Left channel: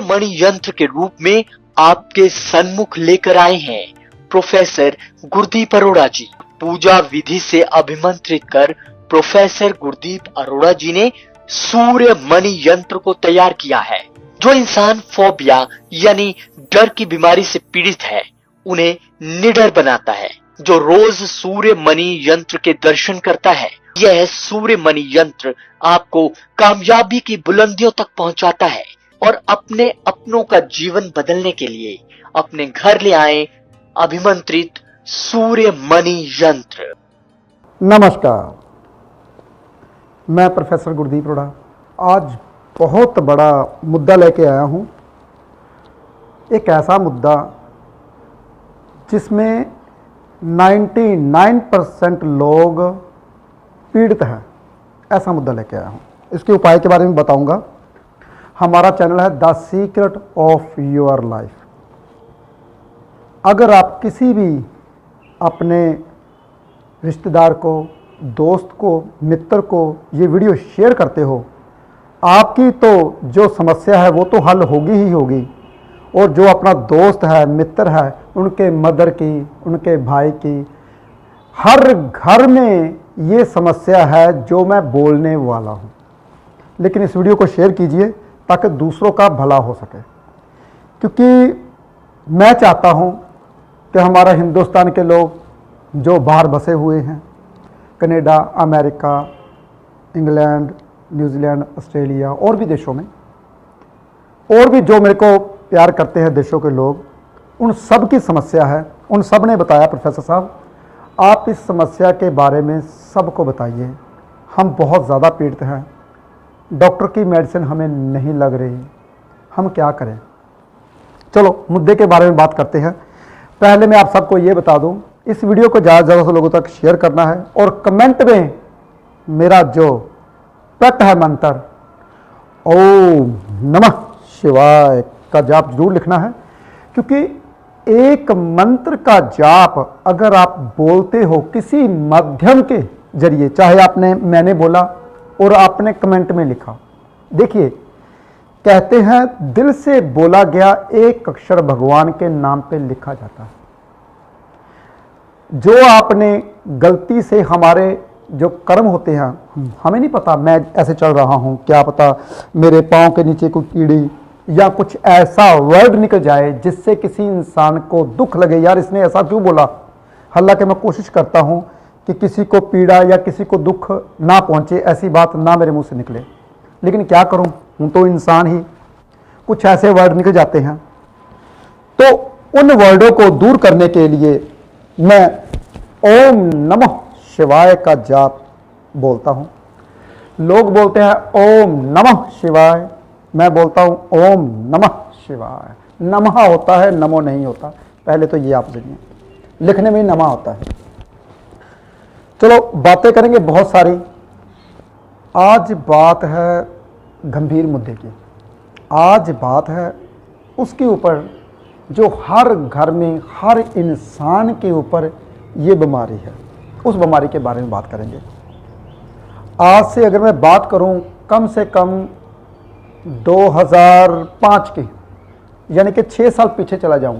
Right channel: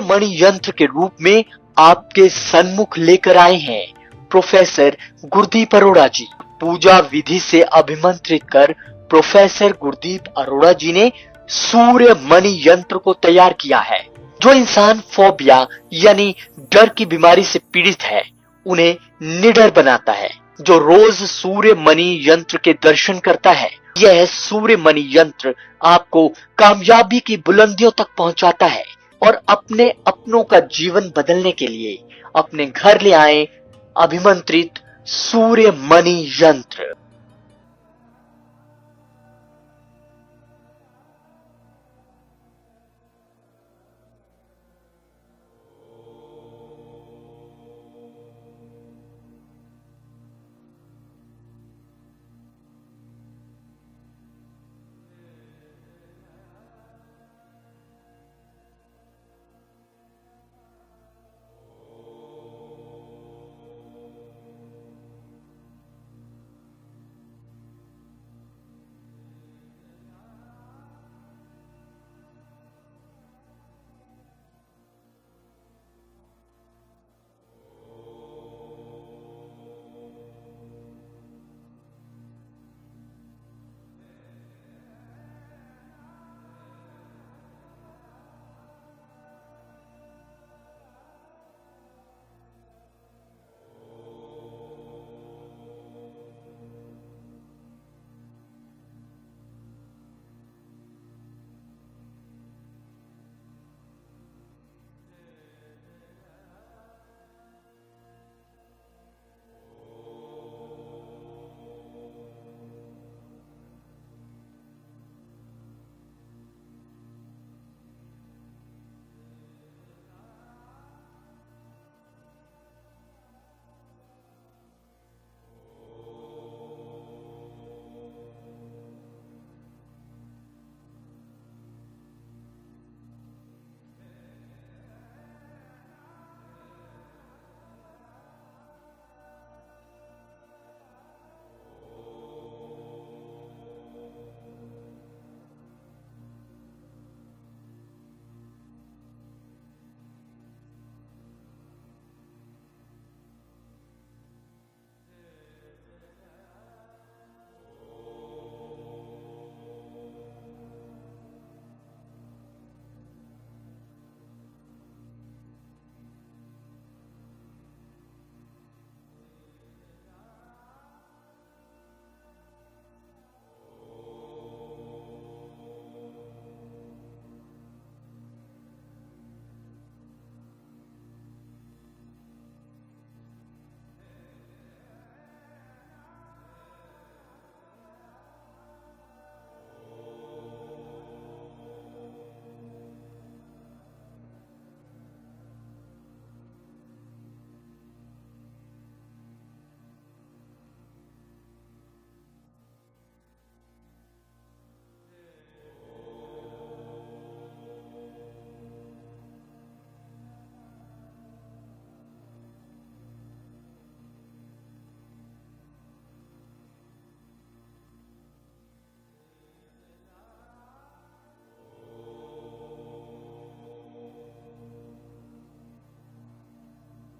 सूर्य मणि यंत्र के रूप में आपके सन्मुख लेकर आए हैं प्रोफेसर गुरदीप अरोड़ा जी। पूजा विधि से अभिमंत्रित कर प्रोफेसर गुरदीप अरोड़ा जी ने सूर्य मणि यंत्र को तैयार किया है। जो इंसान फोबिया यानी डर की बीमारी से पीड़ित है उन्हें निडर बनाता है। जो रोज सूर्य मणि यंत्र के दर्शन करता है, यह सूर्य मणि यंत्र आपको कामयाबी की बुलंदियों तक पहुंचाता है और अपने अपनों का जीवन बदलने के लिए अपने घर ले आए अभिमंत्रित सूर्य मणि यंत्र। नमस्कार, मैं प्रोफेसर गुरदीप अरोड़ा आज बहुत बड़ा मुद्दा लेके आया हूँ। एक ऐसा मुद्दा जिसमें 99% लोग पीड़ित हैं, ऐसा मुद्दा लेके आया हूँ। इसके उपाय के बारे में बताऊंगा। हमारा चैनल है the secret of your life. अगर आप किसी भी अपने रिश्तेदार को, दोस्त को, मित्र को ये वीडियो शेयर करते हो, आपकी तो जो समस्या है वो तो हल होगी ही होगी, और जो अपना दोस्त है, मित्र है, उनके मदर की, उनके भाई की, हर घर में ये समस्या है जो मैं बोलने वाला हूँ। लेकिन इस वीडियो को शेयर कीजिए ताकि दूसरों का भला हो सके, क्योंकि मैं चाहता हूँ कि हमारा हिंदुस्तान के लोग जो बाहर बसे हुए हैं, Canada, America, England, New Zealand, Australia और भी देशों में, और भी जो मेरे को प्यार करते हैं देशों के लोग, उन सब की समस्या है। उन सब ने बताया, प्रोफेसर साहब आप इस समस्या के बारे में सबको बताइए, हम बहुत ज़्यादा पीड़ित हैं, डॉक्टर की मेडिसिन हमें नहीं लग रही, हम क्या करें। चलो मुद्दे के बारे में बात करते हैं। पहले मैं आप सबको ये बता दूं, इस वीडियो को ज़्यादा से ज़्यादा लोगों तक शेयर करना है और कमेंट में मेरा जो प्रट है मंत्र ओम नमः शिवाय का जाप जरूर लिखना है, क्योंकि एक मंत्र का जाप अगर आप बोलते हो किसी माध्यम के जरिए, चाहे मैंने बोला और आपने कमेंट में लिखा, देखिए कहते हैं दिल से बोला गया एक अक्षर भगवान के नाम पे लिखा जाता है। जो आपने गलती से, हमारे जो कर्म होते हैं, हमें नहीं पता मैं ऐसे चल रहा हूँ, क्या पता मेरे पाँव के नीचे कोई कीड़ी या कुछ ऐसा वर्ड निकल जाए जिससे किसी इंसान को दुख लगे, यार इसने ऐसा क्यों बोला। हालांकि मैं कोशिश करता हूँ कि किसी को पीड़ा या किसी को दुख ना पहुँचे, ऐसी बात ना मेरे मुंह से निकले, लेकिन क्या करूँ, हूँ तो इंसान ही, कुछ ऐसे वर्ड निकल जाते हैं। तो उन वर्डों को दूर करने के लिए मैं ओम नमः शिवाय का जाप बोलता हूँ। लोग बोलते हैं ओम नमः शिवाय, मैं बोलता हूँ ओम नमः शिवाय। नमः होता है, नमो नहीं होता, पहले तो ये आप जानिए, लिखने में ही नमः होता है। चलो बातें करेंगे बहुत सारी। आज बात है गंभीर मुद्दे की, आज बात है उसके ऊपर जो हर घर में, हर इंसान के ऊपर ये बीमारी है, उस बीमारी के बारे में बात करेंगे। आज से अगर मैं बात करूं कम से कम 2005 की, यानी कि 6 साल पीछे चला जाऊं,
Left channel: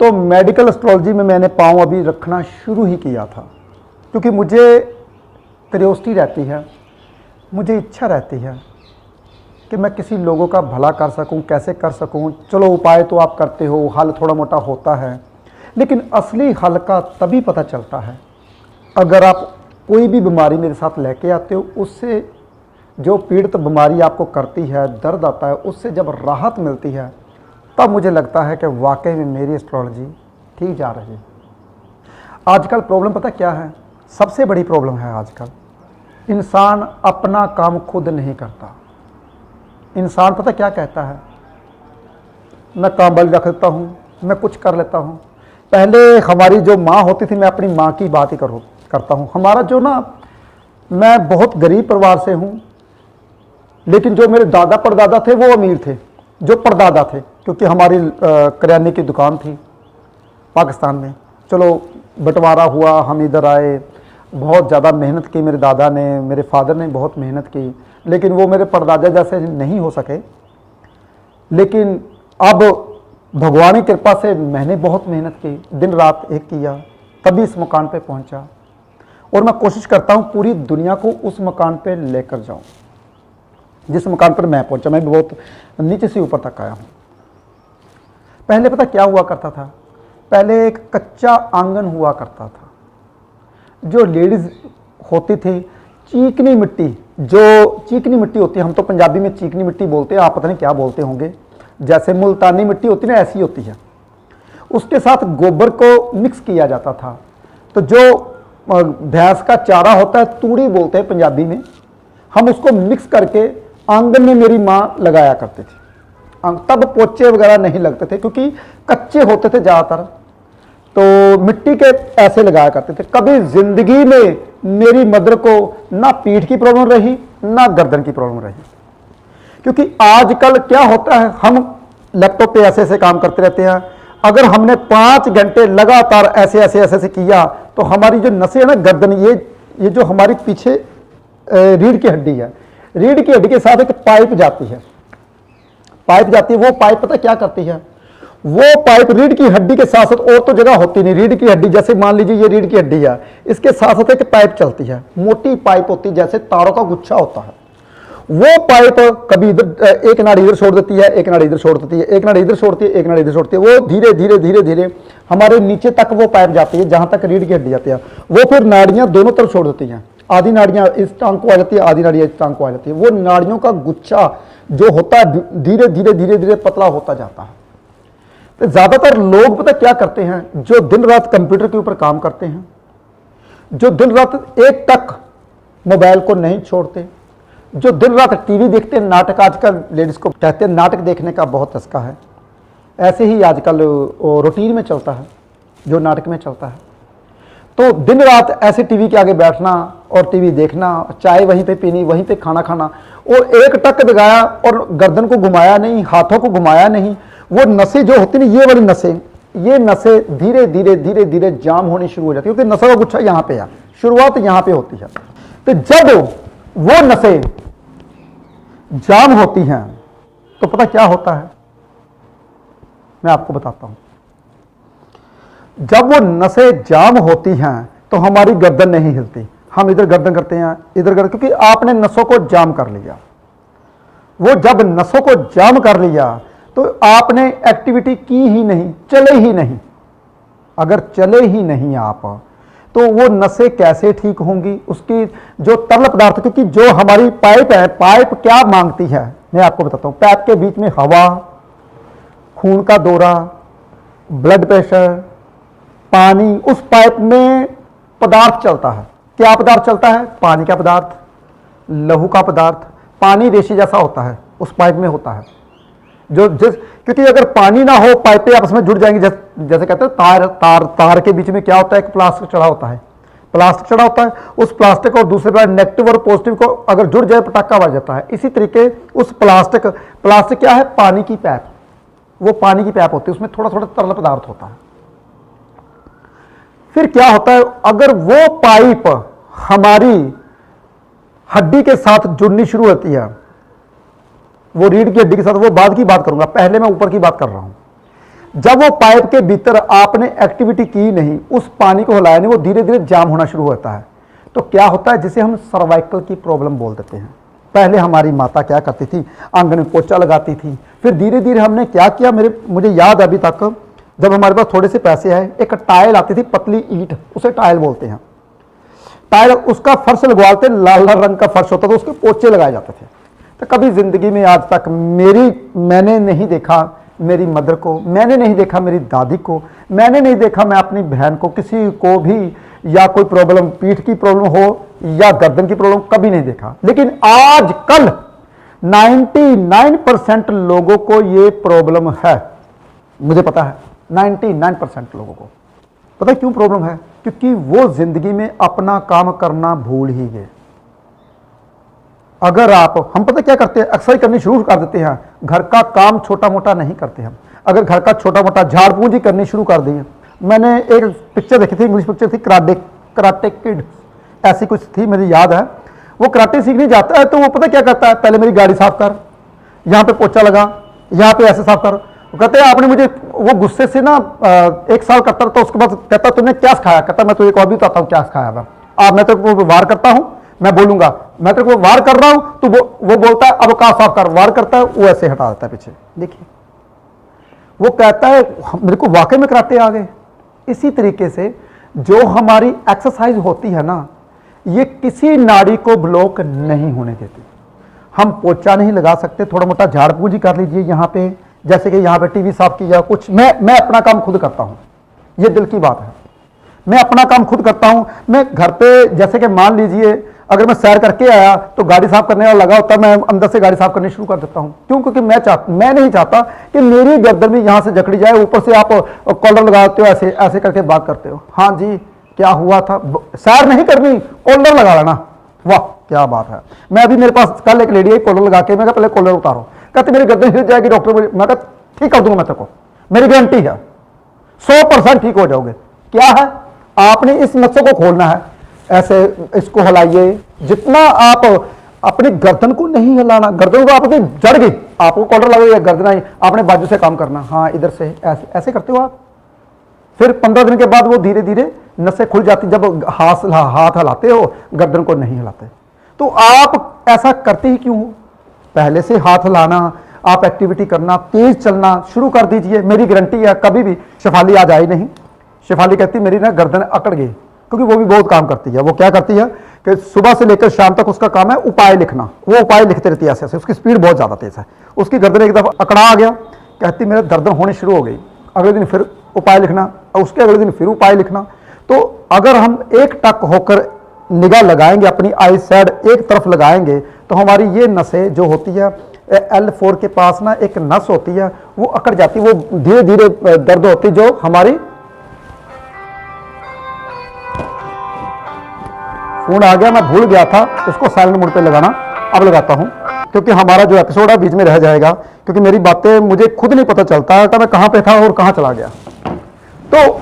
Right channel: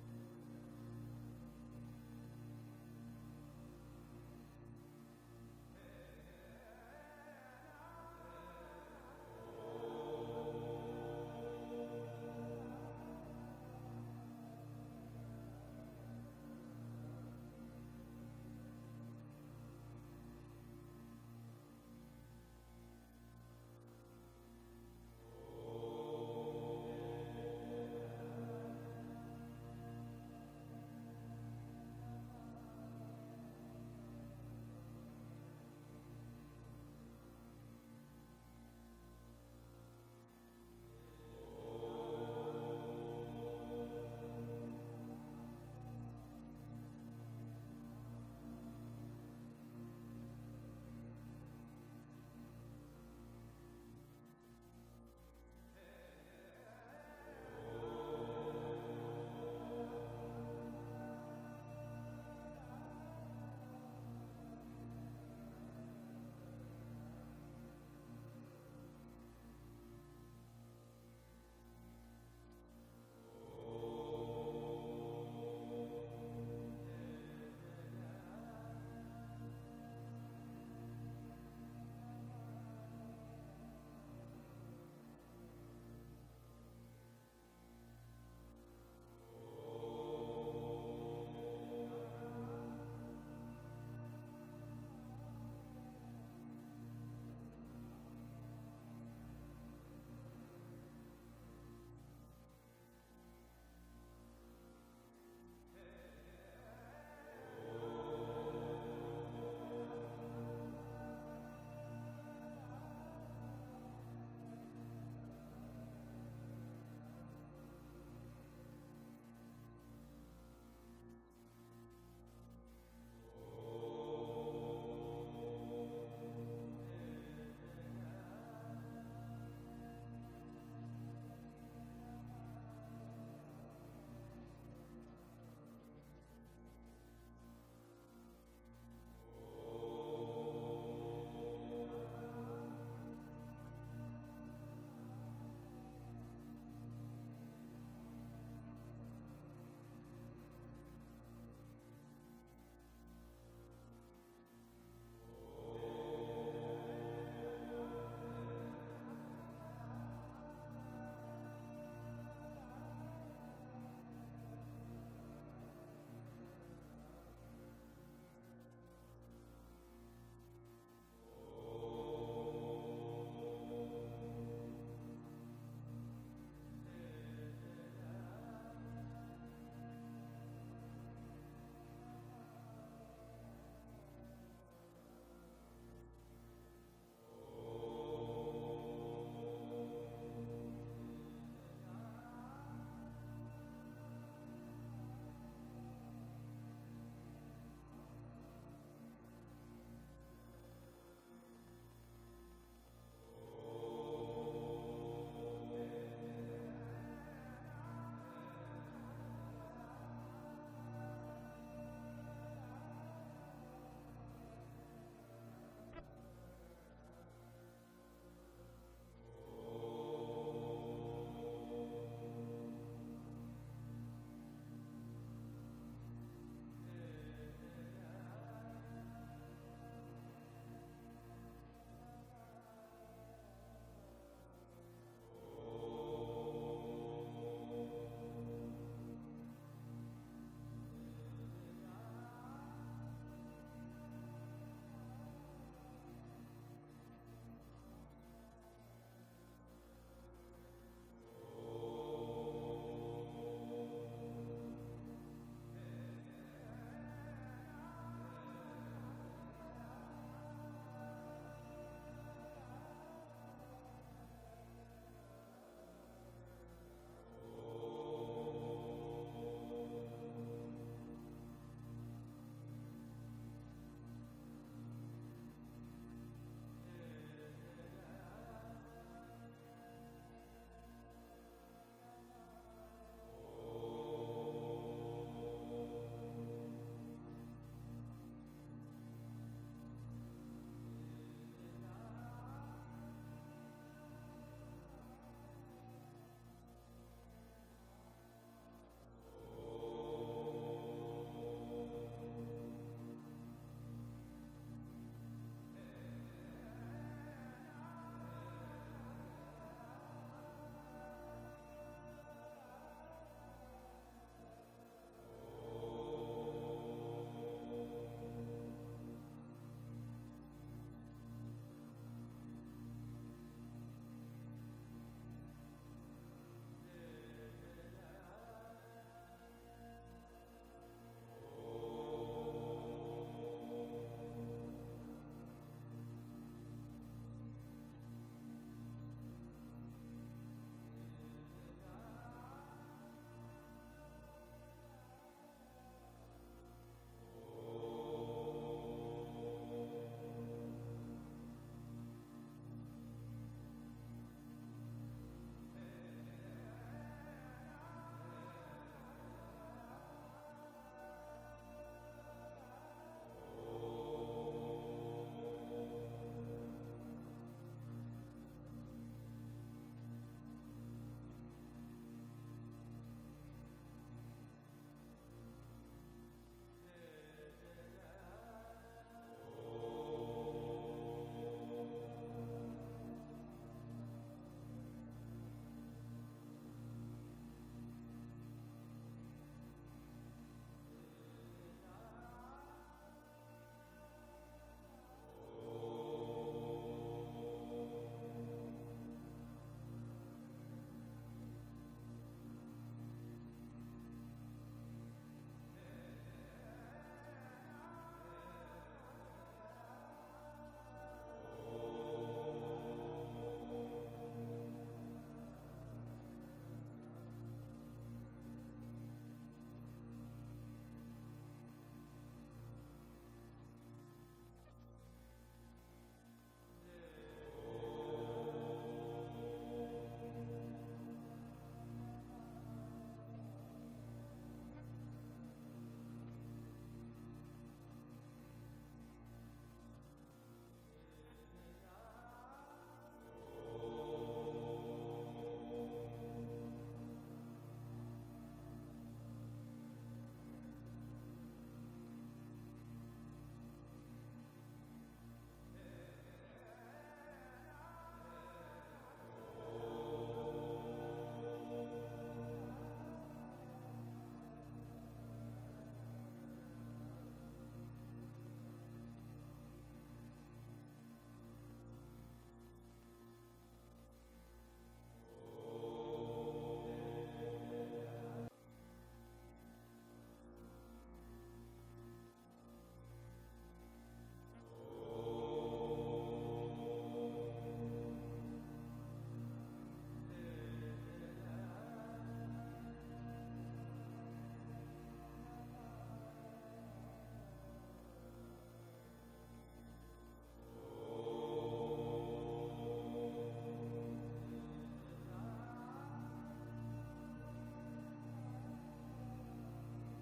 तो मेडिकल एस्ट्रोलॉजी में मैंने पाँव अभी रखना शुरू ही किया था, क्योंकि मुझे क्यूरियोसिटी रहती है, मुझे इच्छा रहती है कि मैं किसी लोगों का भला कर सकूं, कैसे कर सकूं। चलो उपाय तो आप करते हो, हल थोड़ा मोटा होता है, लेकिन असली हल का तभी पता चलता है अगर आप कोई भी बीमारी मेरे साथ लेके आते हो, उससे जो पीड़ित बीमारी आपको करती है, दर्द आता है, उससे जब राहत मिलती है, तब मुझे लगता है कि वाकई में मेरी एस्ट्रोलॉजी ठीक जा रही है। आजकल प्रॉब्लम पता क्या है, सबसे बड़ी प्रॉब्लम है आजकल, इंसान अपना काम खुद नहीं करता। इंसान पता क्या कहता है, मैं काम वाली रख देता हूँ, मैं कुछ कर लेता हूँ। पहले हमारी जो माँ होती थी, मैं अपनी माँ की बात ही करता हूँ, हमारा जो ना, मैं बहुत गरीब परिवार से हूँ, लेकिन जो मेरे दादा परदादा थे वो अमीर थे, जो परदादा थे, क्योंकि हमारी करियाने की दुकान थी पाकिस्तान में। चलो बंटवारा हुआ, हम इधर आए, बहुत ज़्यादा मेहनत की मेरे दादा ने, मेरे फादर ने बहुत मेहनत की, लेकिन वो मेरे परदादा जैसे नहीं हो सके। लेकिन अब भगवान की कृपा से मैंने बहुत मेहनत की, दिन रात एक किया, तभी इस मकान पे पहुंचा। और मैं कोशिश करता हूं पूरी दुनिया को उस मकान पे लेकर जाऊं जिस मकान पर मैं पहुंचा। मैं भी बहुत नीचे से ऊपर तक आया हूं। पहले पता क्या हुआ करता था? पहले एक कच्चा आंगन हुआ करता था। जो लेडीज होती थी, चीकनी मिट्टी, जो चीकनी मिट्टी होती है, हम तो पंजाबी में चीकनी मिट्टी बोलते हैं, आप पता नहीं क्या बोलते होंगे, जैसे मुल्तानी मिट्टी होती है ना, ऐसी होती है। उसके साथ गोबर को मिक्स किया जाता था। तो जो भैंस का चारा होता है, तूड़ी बोलते हैं पंजाबी में, हम उसको मिक्स करके आंगन में मेरी माँ लगाया करती थी। तब पोचे वगैरह नहीं लगते थे क्योंकि कच्चे होते थे ज़्यादातर, तो मिट्टी के ऐसे लगाया करते थे। कभी जिंदगी में मेरी मदर को ना पीठ की प्रॉब्लम रही, ना गर्दन की प्रॉब्लम रही। क्योंकि आजकल क्या होता है, हम लैपटॉप पे ऐसे ऐसे काम करते रहते हैं। अगर हमने 5 घंटे लगातार ऐसे ऐसे ऐसे ऐसे किया तो हमारी जो नसें है ना, गर्दन, ये जो हमारी पीछे रीढ़ की हड्डी है, रीढ़ की हड्डी के साथ एक पाइप जाती है, वो पाइप पता क्या करती है? वो पाइप रीढ़ की हड्डी के साथ साथ, और तो जगह होती नहीं, रीढ़ की हड्डी जैसे मान लीजिए ये रीढ़ की हड्डी है, इसके साथ साथ एक पाइप चलती है, मोटी पाइप होती है, जैसे तारों का गुच्छा होता है। वो पाइप कभी इधर एक नाड़ी इधर छोड़ देती है, एक नाड़ी इधर छोड़ देती है, एक नाड़ी इधर छोड़ती है, एक नाड़ी इधर छोड़ती है। वो धीरे धीरे धीरे धीरे हमारे नीचे तक वो पाइप जाती है, जहां तक रीढ़ की हड्डी जाती है। वो फिर नाड़ियां दोनों तरफ छोड़ देती हैं, आधी नाड़ियां इस टांग को आ जाती है, आधी नाड़ियां इस टांग को आ जाती है। वो नाड़ियों का गुच्छा जो होता है धीरे धीरे धीरे धीरे पतला होता जाता है। तो ज्यादातर लोग पता क्या करते हैं, जो दिन रात कंप्यूटर के ऊपर काम करते हैं, जो दिन रात एक टक मोबाइल को नहीं छोड़ते, जो दिन रात टीवी देखते हैं, नाटक, आजकल लेडीज को कहते हैं नाटक देखने का बहुत चस्का है, ऐसे ही आजकल रूटीन में चलता है जो नाटक में चलता है। तो दिन रात ऐसे टीवी के आगे बैठना और टीवी देखना, चाय वहीं पे पीनी, वहीं पे खाना खाना, और एक टक दगाया और गर्दन को घुमाया नहीं, हाथों को घुमाया नहीं। वो नसें जो होती नहीं, ये वाली नसें, ये नसें धीरे धीरे धीरे धीरे जाम होनी शुरू हो जाती है, क्योंकि नसों का गुच्छा यहाँ पे है, शुरुआत यहाँ पे होती है। तो जब वो नसें जाम होती हैं तो पता क्या होता है, मैं आपको बताता हूं। जब वो नसें जाम होती हैं तो हमारी गर्दन नहीं हिलती, हम इधर गर्दन करते हैं, इधर गर्दन, क्योंकि आपने नसों को जाम कर लिया। वो जब नसों को जाम कर लिया तो आपने एक्टिविटी की ही नहीं, चले ही नहीं। अगर चले ही नहीं आप, तो वो नसें कैसे ठीक होंगी? उसकी जो तरल पदार्थ, क्योंकि जो हमारी पाइप है, पाइप क्या मांगती है मैं आपको बताता हूं। पाइप के बीच में हवा, खून का दौरा, ब्लड प्रेशर, पानी, उस पाइप में पदार्थ चलता है। क्या पदार्थ चलता है? पानी का पदार्थ, लहू का पदार्थ। पानी रेशे जैसा होता है, उस पाइप में होता है। क्योंकि अगर पानी ना हो, पाइपें आपस में जुड़ जाएंगी। जैसे कहते हैं तार के बीच में क्या होता है, एक प्लास्टिक चढ़ा होता है, उस प्लास्टिक और दूसरे पर नेगेटिव और पॉजिटिव को अगर जुड़ जाए, पटाखा बज जाता है। इसी तरीके उस प्लास्टिक क्या है? पानी की पाइप। वो पानी की पाइप होती है, उसमें थोड़ा थोड़ा तरल पदार्थ होता है। फिर क्या होता है, अगर वो पाइप हमारी हड्डी के साथ जुड़नी शुरू होती है, वो रीढ़ की हड्डी के साथ, वो बाद की बात करूंगा, पहले मैं ऊपर की बात कर रहा हूं। जब वो पाइप के भीतर आपने एक्टिविटी की नहीं, उस पानी को हिलाया नहीं, वो धीरे धीरे जाम होना शुरू होता है। तो क्या होता है, जिसे हम सर्वाइकल की प्रॉब्लम बोल देते हैं। पहले हमारी माता क्या करती थी, आंगन में पोछा लगाती थी। फिर धीरे धीरे हमने क्या किया, मुझे याद अभी तक, जब हमारे पास थोड़े से पैसे आए, एक टाइल आती थी, पतली ईंट, उसे टाइल बोलते हैं। टाइल, उसका फर्श लगवाते, लाल लाल रंग का फर्श होता था, उसके पोछे लगाए जाते थे। तो कभी जिंदगी में आज तक मैंने नहीं देखा मेरी मदर को, मैंने नहीं देखा मेरी दादी को, मैंने नहीं देखा मैं अपनी बहन को, किसी को भी, या कोई प्रॉब्लम, पीठ की प्रॉब्लम हो या गर्दन की प्रॉब्लम, कभी नहीं देखा। लेकिन आजकल 99% लोगों को ये प्रॉब्लम है। मुझे पता है 99% लोगों को पता है क्यों प्रॉब्लम है, क्योंकि वो जिंदगी में अपना काम करना भूल ही गए। अगर हम पता क्या करते हैं, एक्सरसाइज करनी शुरू कर देते हैं, घर का काम छोटा मोटा नहीं करते हम। अगर घर का छोटा मोटा झाड़ पूंजी करनी शुरू कर दी है। मैंने एक पिक्चर देखी थी, इंग्लिश पिक्चर थी, कराटे किड, ऐसी कुछ थी, मुझे याद है। वो कराटे सीखने जाता है तो वो पता क्या करता है, पहले मेरी गाड़ी साफ कर, यहाँ पे पोछा लगा, यहाँ पे ऐसे साफ कर। वो कहते हैं आपने मुझे, वो गुस्से से ना 1 साल करता रहता, उसके बाद कहता तुमने क्या खाया, कहता मैं तुझे और भी बताता हूँ क्या खाया था। मैं तेरे को वार करता हूँ, मैं बोलूंगा मैं तेरे को वार कर रहा हूं, तो वो बोलता है अब कहा साफ कर, वार करता है, वो ऐसे हटा देता है पीछे। देखिए वो कहता है मेरे को वाकई में कराटे आ गए। इसी तरीके से जो हमारी एक्सरसाइज होती है ना, ये किसी नाड़ी को ब्लॉक नहीं होने देती। हम पोछा नहीं लगा सकते, थोड़ा मोटा झाड़ फूक ही कर लीजिए यहाँ पे, जैसे कि यहाँ पे टीवी साफ किया कुछ, मैं अपना काम खुद करता हूँ, ये दिल की बात है। मैं अपना काम खुद करता हूं। मैं घर पे जैसे कि मान लीजिए अगर मैं सैर करके आया तो गाड़ी साफ करने वाला लगा होता है, मैं अंदर से गाड़ी साफ करनी शुरू कर देता हूं। क्यों? क्योंकि मैं नहीं चाहता कि मेरी गर्दन भी यहां से जकड़ी जाए, ऊपर से आप कॉलर लगाते हो, ऐसे ऐसे करके बात करते हो। हाँ जी क्या हुआ था, सैर नहीं करनी, कॉलर लगा लेना, वाह क्या बात है। मैं अभी मेरे पास कल एक लेडी है कॉलर लगा के, मैं कहा पहले कॉलर उतारो, कहते मेरी गर्दन हिल जाएगी डॉक्टर, मैं कहा ठीक कर दूंगा मैं तेरे को, मेरी गारंटी है 100% ठीक हो जाओगे। क्या है, आपने इस नसों को खोलना है, ऐसे इसको हिलाइए, जितना आप अपनी गर्दन को नहीं हिलाना, गर्दन को आपकी जड़ गई, आपको कॉलर लग गया, गर्दन आई, आपने बाजू से काम करना, हाँ इधर से ऐसे ऐसे करते हो आप। फिर 15 दिन के बाद वो धीरे धीरे नसें खुल जाती, जब हाथ हिलाते हो, गर्दन को नहीं हिलाते। तो आप ऐसा करते ही क्यों हो? पहले से हाथ हिलाना, आप एक्टिविटी करना, तेज चलना शुरू कर दीजिए। मेरी गारंटी है कभी भी शेफाली आज आई नहीं, शेफाली कहती मेरी ना गर्दन अकड़ गई, क्योंकि वो भी बहुत काम करती है। वो क्या करती है कि सुबह से लेकर शाम तक उसका काम है उपाय लिखना, वो उपाय लिखते रहती है ऐसे ऐसे, उसकी स्पीड बहुत ज़्यादा तेज है। उसकी गर्दन एक दफ़ा अकड़ा आ गया, कहती मेरे दर्द होनी शुरू हो गई, अगले दिन फिर उपाय लिखना, और उसके अगले दिन फिर उपाय लिखना। तो अगर हम एक टक होकर निगाह लगाएंगे, अपनी आई साइड एक तरफ लगाएंगे, तो हमारी ये नसें जो होती है L4 के पास ना एक नस होती है, वो अकड़ जाती, वो धीरे धीरे दर्द होती, जो हमारी, फोन आ गया, मैं भूल गया था उसको साइलेंट मोड पे लगाना, अब लगाता हूं, क्योंकि हमारा जो एपिसोड है बीच में रह जाएगा, क्योंकि मेरी बातें मुझे खुद नहीं पता चलता कि मैं कहां पे था और कहां चला गया। तो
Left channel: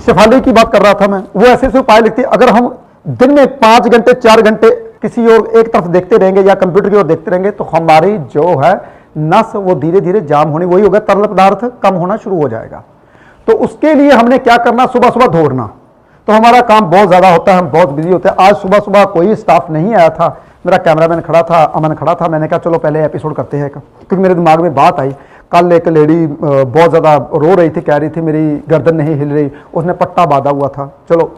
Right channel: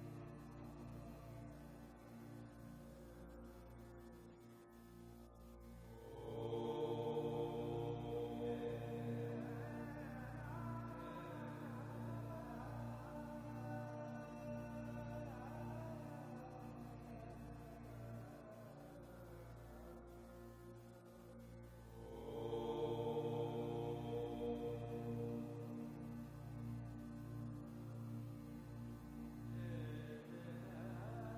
शेफाली की बात कर रहा था मैं, वो ऐसे ऐसे उपाय लिखती है। अगर हम दिन में 5 घंटे 4 घंटे किसी और एक तरफ देखते रहेंगे या कंप्यूटर की ओर देखते रहेंगे, तो हमारी जो है नस वो धीरे धीरे जाम होनी, वही होगा, तरल पदार्थ कम होना शुरू हो जाएगा। तो उसके लिए हमने क्या करना, सुबह सुबह दौड़ना। तो हमारा काम बहुत ज़्यादा होता है, हम बहुत बिजी होते हैं। आज सुबह सुबह कोई स्टाफ नहीं आया था, मेरा कैमरामैन खड़ा था, अमन खड़ा था। मैंने कहा चलो पहले एपिसोड करते हैं, क्योंकि मेरे दिमाग में बात आई, कल एक लेडी बहुत ज़्यादा रो रही थी, कह रही थी मेरी गर्दन नहीं हिल रही, उसने पट्टा बांधा हुआ था। चलो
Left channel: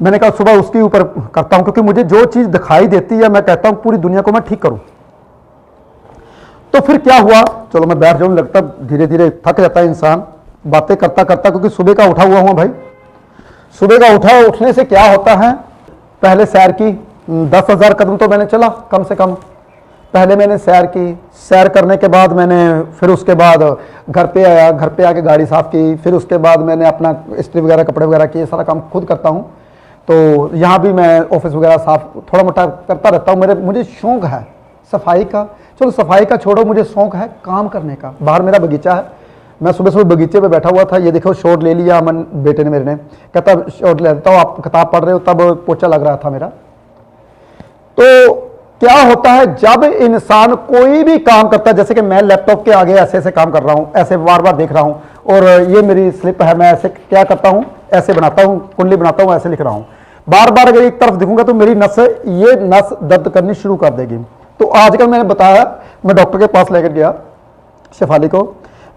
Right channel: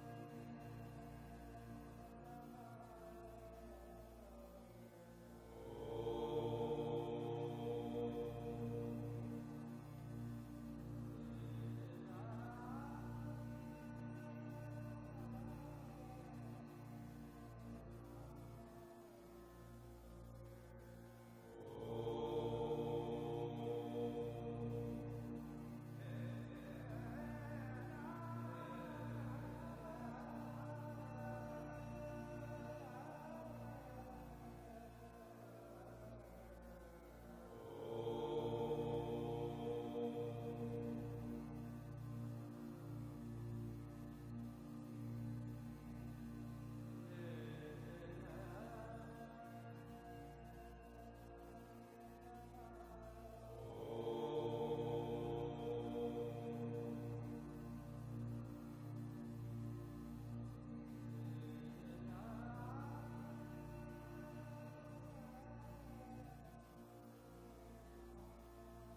मैंने कहा सुबह उसके ऊपर करता हूँ, क्योंकि मुझे जो चीज़ दिखाई देती है मैं कहता हूँ पूरी दुनिया को मैं ठीक करूँ। तो फिर क्या हुआ, चलो मैं बैठ जाऊँ, लगता धीरे धीरे थक जाता है इंसान बातें करता करता, क्योंकि सुबह का उठा हुआ हूँ भाई। सुबह का उठने से क्या होता है, पहले सैर की, 10,000 कदम तो मैंने चला कम से कम। पहले मैंने सैर की, सैर करने के बाद मैंने फिर उसके बाद घर पे आया, घर पे आके गाड़ी साफ़ की, फिर उसके बाद मैंने अपना इस्त्री वगैरह कपड़े वगैरह किए, सारा काम खुद करता हूँ। तो यहाँ भी मैं ऑफिस वगैरह साफ थोड़ा मोटा करता रहता हूँ। मुझे शौक़ है सफाई का, चलो सफाई का छोड़ो, मुझे शौक़ है काम करने का। बाहर मेरा बगीचा है, मैं सुबह सुबह बगीचे पे बैठा हुआ था, ये देखो शॉट ले लिया अमन बेटे ने मेरे ने, कहता शॉट ले लेता हूँ, आप किताब पढ़ रहे हो, तब पोछा लग रहा था मेरा। तो क्या होता है जब इंसान कोई भी काम करता है, जैसे कि मैं लैपटॉप के आगे ऐसे ऐसे काम कर रहा हूँ, ऐसे बार बार देख रहा हूँ, और ये मेरी स्लिप है, मैं ऐसे क्या करता हूँ, ऐसे बनाता हूँ, कुंडली बनाता हूँ, ऐसे लिख रहा हूँ। बार बार अगर एक तरफ दिखूंगा तो मेरी ये नस दर्द करनी शुरू कर देगी। तो आजकल मैंने बताया, मैं डॉक्टर के पास लेकर गया शेफाली को,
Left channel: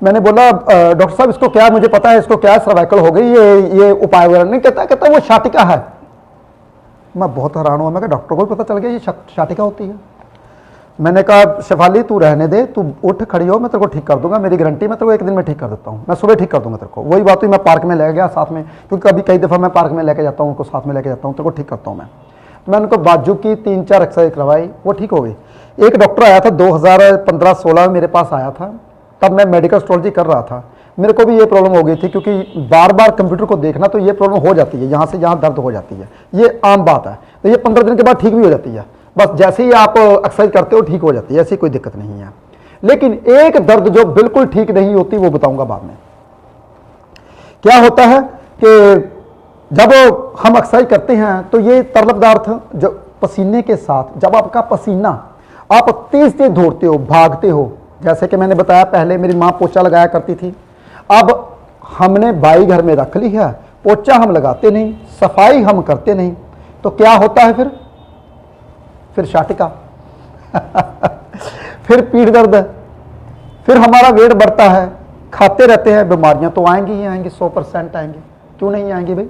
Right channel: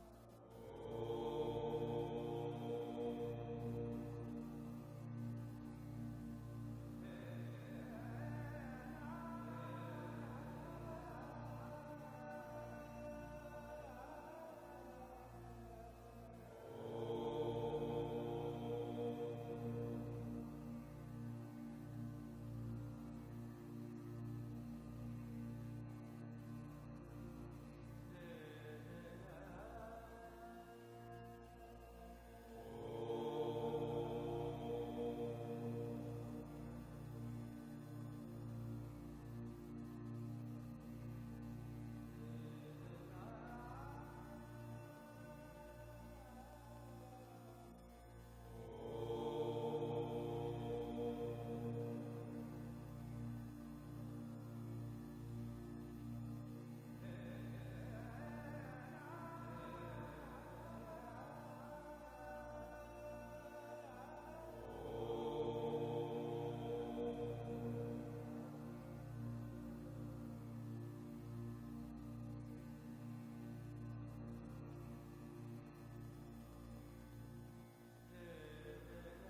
मैंने बोला डॉक्टर साहब इसको क्या है, मुझे पता है इसको क्या है, सर्वाइकल हो गई, ये उपाय वगैरह नहीं। कहता वो शाटिका है। मैं बहुत हैरान हुआ, मैं कहा डॉक्टर को भी पता चल गया ये शाटिका होती है। मैंने कहा शेफाली तू रहने दे, तू उठ खड़ी हो, मैं तेरे को ठीक कर दूंगा, मेरी गारंटी, मैं तेरे को एक दिन में ठीक कर देता हूँ, मैं सुबह ठीक कर दूंगा तेरे को। वही बात हुई, मैं पार्क में ले गया साथ में, क्योंकि कभी कई दफ़ा मैं पार्क में लेके जाता हूँ, उनको साथ में लेके जाता हूँ, तेरे को ठीक करता हूँ मैं। मैंने उनको बाजू की 3-4 एक्सरसाइज करवाई, वो ठीक हो गई। एक डॉक्टर आया था 2015-16 में मेरे पास आया था, तब मैं मेडिकल एस्ट्रोलॉजी कर रहा था। मेरे को भी ये प्रॉब्लम हो गई थी, क्योंकि बार बार कंप्यूटर को देखना, तो ये प्रॉब्लम हो जाती है, यहाँ से यहाँ दर्द हो जाती है, ये आम बात है। तो ये 15 दिन के बाद ठीक भी हो जाती है, बस जैसे ही आप एक्सरसाइज करते हो ठीक हो जाती है, ऐसी कोई दिक्कत नहीं है। लेकिन एक दर्द जो बिल्कुल ठीक नहीं होती वो बताऊंगा बाद में। क्या होता है कि जब हम एक्सरसाइज करते हैं तो ये तरल पदार्थ जो पसीने के साथ, जब आपका पसीना, आप तेज तेज दौड़ते हो, भागते हो, जैसे कि मैंने बताया पहले मेरी माँ पोछा लगाया करती थी, अब हमने बाई घर में रख ली है, पोछा हम लगाते नहीं, सफाई हम करते नहीं, तो क्या होता है फिर शाटिका फिर पीठ दर्द, फिर हमारा वेट बढ़ता है, खाते रहते हैं, बीमारियां तो आएंगी ही आएंगी, 100% आएंगी। क्यों नहीं आएंगी भाई?